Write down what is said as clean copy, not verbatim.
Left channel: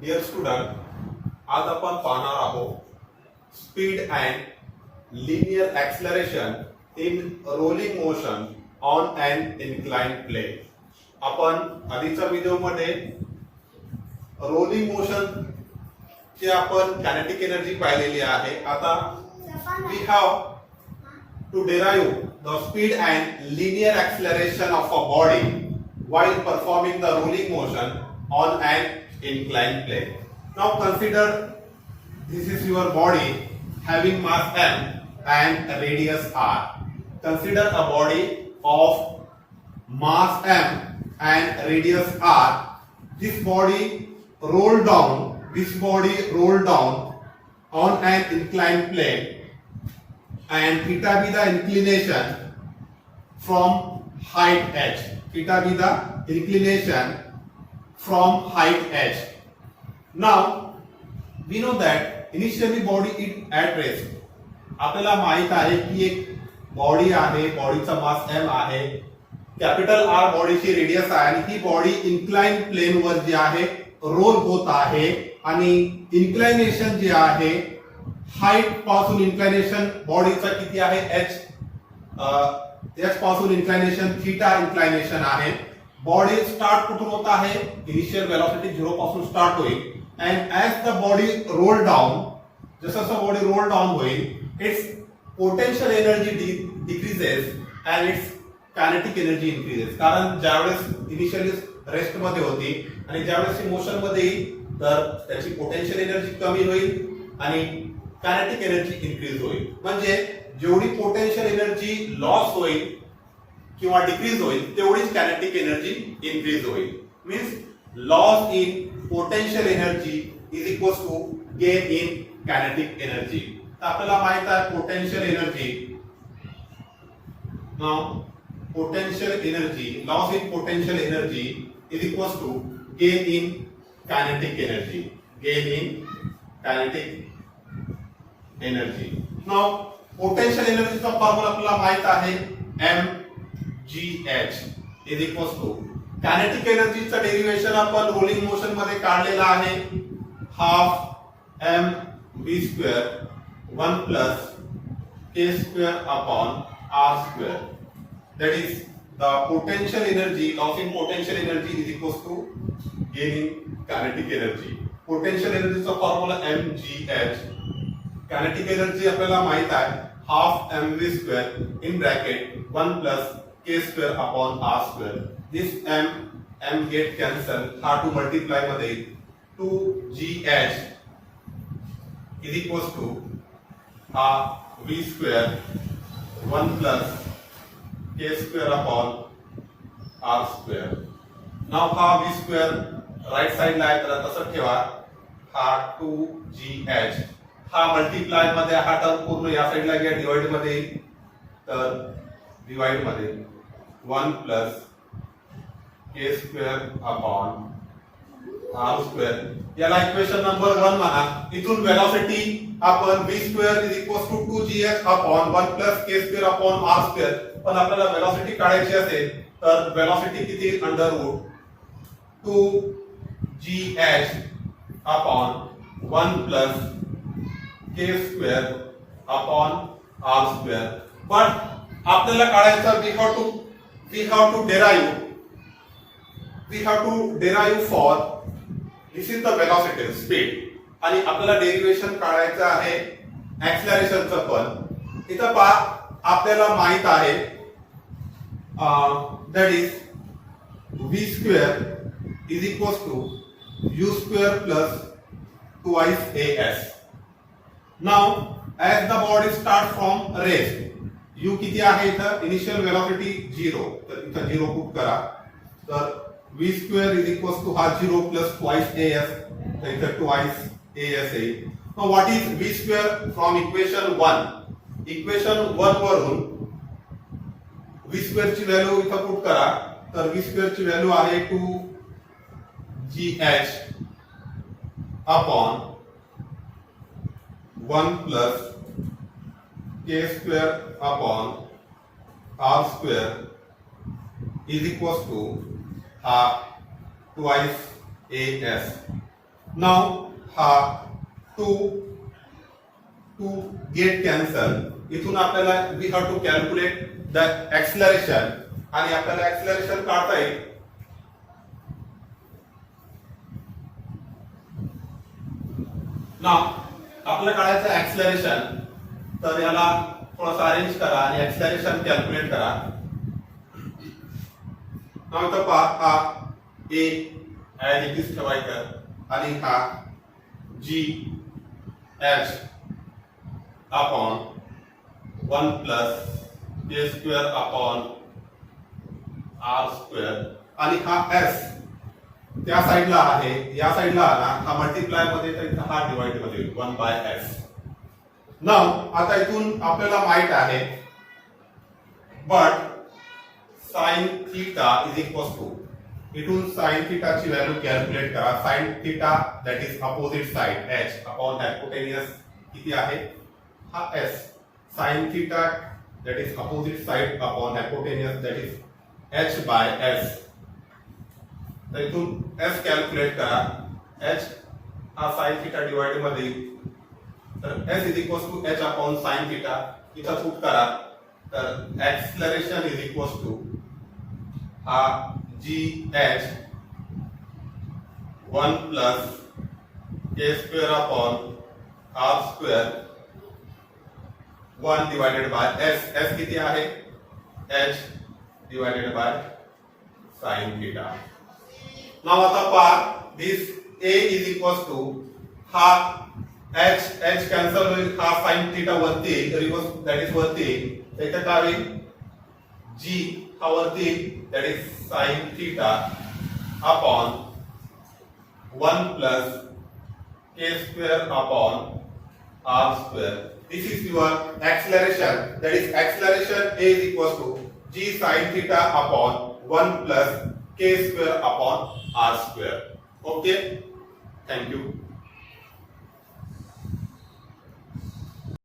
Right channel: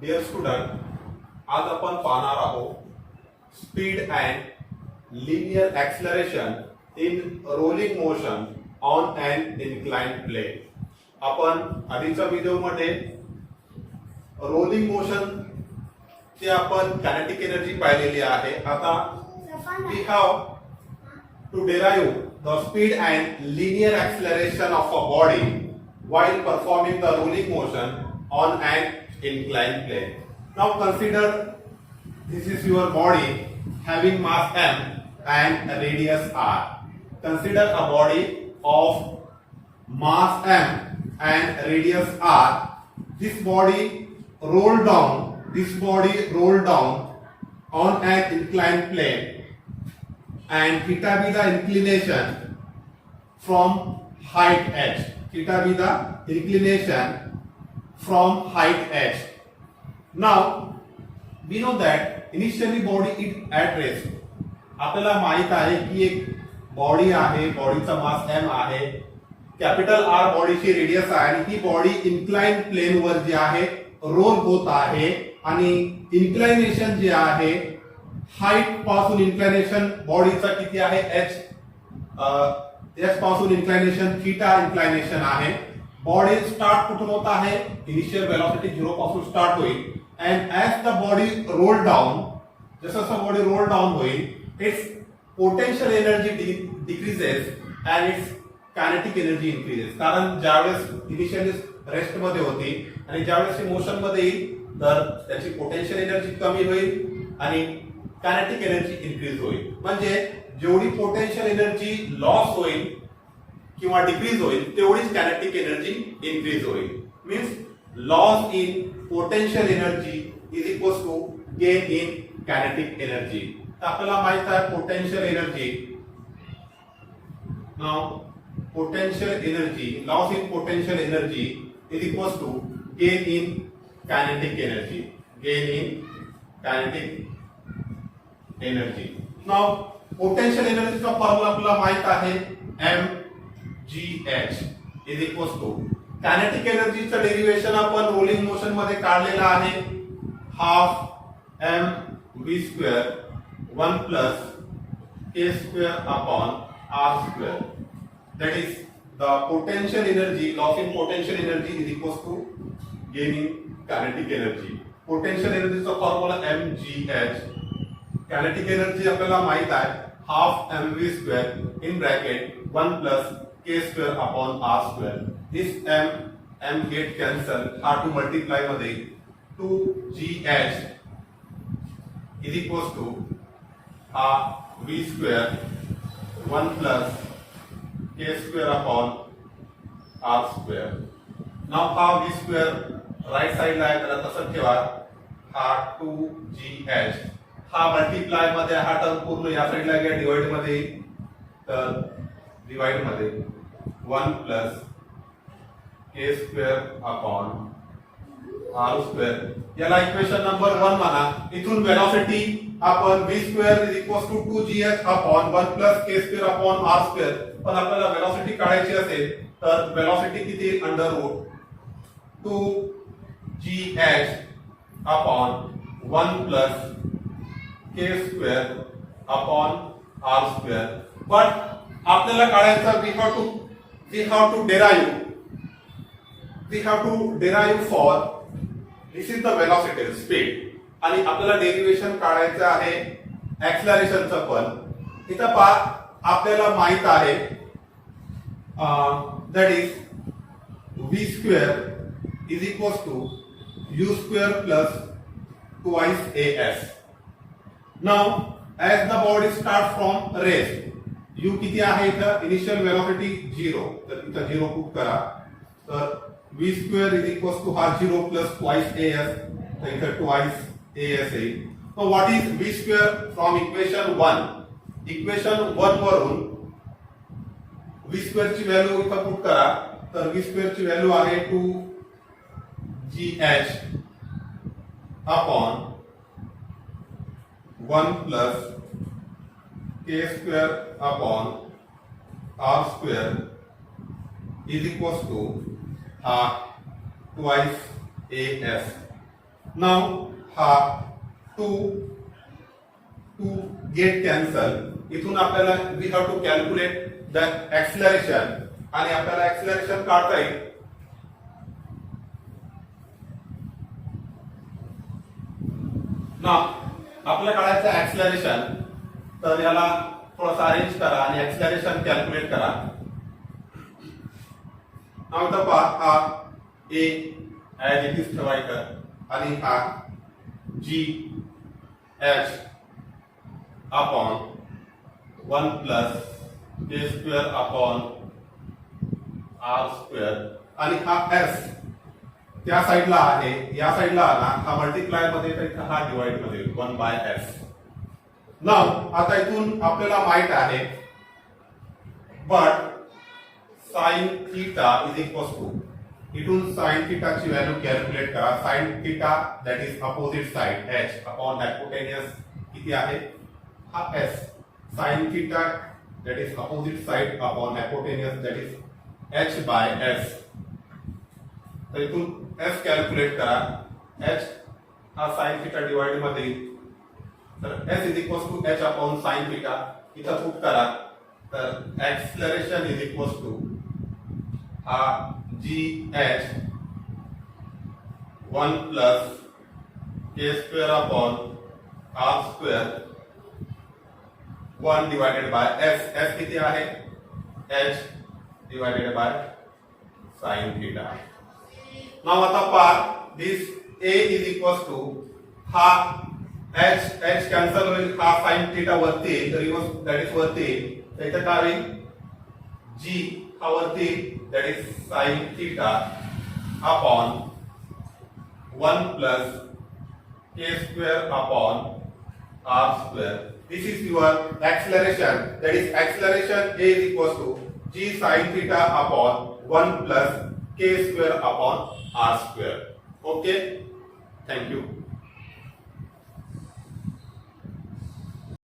Dear student, आज आपण पाहणार आहोत speed and linear acceleration in rolling motion on and inclined plane. आपण आधीच्या व्हिडिओमध्ये रोलिंग मोशन ची आपण कायनेटिक एनर्जी पाहिलेली आहे. आता we have to derive the speed and linear acceleration of a body while performing the rolling motion on an inclined plane. Now consider this is your body having mass m and radius r. Consider a body of mass m and radius r. This body rolled down on an inclined plane, and theta be the inclination from height h. Theta be the inclination from height h. Now we know that initially body is at rest. आपल्याला माहित आहे की एक body आहे, बॉडीचा मास m आहे, capital R बॉडीची radius आहे आणि ही बॉडी इन्क्लाइन प्लेन वर जी आहे रोल होत आहे आणि इन्क्लाइनेशन जे आहे हाइट पासून इन्क्लाइनेशन बॉडीचा किती आहे h. h पासून इन्क्लाइनेशन थीटा इन्क्लाइनेशन आहे. बॉडी स्टार्ट कुठून होत आहे, इनिशियल वेलोसिटी 0 पासून स्टार्ट होईल and as the body roll down, जसं बॉडी रोल डाऊन होईल its potential energy decreases and it's kinetic energy increases. कारण ज्यावेळेस इनिशियली रेस्ट मध्ये होती आणि ज्यावेळेस मोशन मध्ये येईल तर त्याची पोटेन्शियल एनर्जी कमी होईल आणि कायनेटिक एनर्जी इन्क्रीज होईल. म्हणजे जेवढी पोटेन्शियल एनर्जी लॉस होईल किंवा डिक्रीज होईल तेवढीच कायनेटिक एनर्जी इन्क्रीज होईल. Means loss in potential energy is equal to gain in kinetic energy. आपल्याला माहित आहे potential energy, now potential energy, loss in potential energy is equal to gain in kinetic energy. Gain in kinetic energy. Now potential एनर्जीचा formula आपल्याला माहित आहे mgh is equals to kinetic एनर्जीचं derivation आपण rolling motion मध्ये काढलेलं आहे. Half mv² 1 plus k² upon r². that is the potential energy, loss in potential energy is equals to gain in kinetic energy. potential energy चा formula mgh. Kinetic energy आपल्याला माहित आहे half mv² in bracket 1 plus k² upon r². This m get cancel, हा to multiply मध्ये 2gh is equals to हा v² 1 plus k² upon r². नाव हा v² right साइडला आहे तर तसंच ठेवा. हा 2gh हा मल्टिप्लाय मध्ये हा टर्म पूर्ण या साइडला गेला डिवाइड मध्ये, तर डिवाइड मध्ये 1 प्लस k² अपॉन r². याला इक्वेशन नंबर 1 म्हणा. इथून वेलोसिटी आपण v² is equal to 2gh upon 1 plus k² upon r². पण आपल्याला वेलोसिटी काढायची असेल तर वेलोसिटी किती, under root 2gh upon 1 plus k² upon r². But आपल्याला काढायचं we have to derive for this is the velocity speed आणि आपल्याला डेरिव्हेशन काढायचं आहे ऍक्सलरेशनचं. पण इथं आपल्याला माहित आहे that is v² is equals to u² plus twice as. Now as the body start from rest, u किती आहे इथं, इनिशियल वेलोसिटी 0, तर इथं 0 पुट करा. तर v² is equals to हा 0 plus twice as, तर इथं twice as येईल. Now what is v² from equation 1? Equation 1 वरून v² ची व्हॅल्यू इथं पुट करा. तर v² ची व्हॅल्यू आहे 2gh upon 1 plus k² upon r² is equals to twice as. नाव हा टू गेट कॅन्सल. इथून आपल्याला we have to calculate the acceleration आणि आपल्याला ऍक्सिलरेशन काढता येईल. नाव आपल्याला काढायचं ऍक्सिलरेशन, तर याला थोडासा अरेंज करा आणि ऍक्सिलरेशन कॅल्क्युलेट करा. नाव इथं पहा, हा ए ऍज इट इज ठेवायचं आणि हा g H upon 1 plus k square upon r square आणि हा एस त्या साईडला आहे, या साईडला आला हा मल्टिप्लाय मध्ये तर हा डिवाइड मध्ये 1 बाय एस. नाव आता इथून आपल्याला माहित आहे but sine theta is equals to, इथून साइन थीटा ची व्हॅल्यू कॅल्क्युलेट करा. Sine theta that is opposite side H upon hypotenuse किती आहे हा S. Sine theta that is opposite side upon hypotenuse that is H by S. तर इथून S calculate करा. H हा साइन थीटा डिवाइड मध्ये, तर S is equals to H upon sine theta इथं पुट करा. तर एक्सलरेशन इज इक्वल्स टू हा g h 1 plus k square upon r square 1 divided by s. S किती आहे h divided by sine theta. Now आता पहा this a is equals to हा h h cancel होईल, हा साइन थीटा वरती reverse that is वरती, तर इथं काय होईल जी हा वरती that is sine theta upon 1 plus k square upon r square. This is your acceleration, that is acceleration A is equals to g sine theta upon 1 plus k square upon r square. Okay, thank you.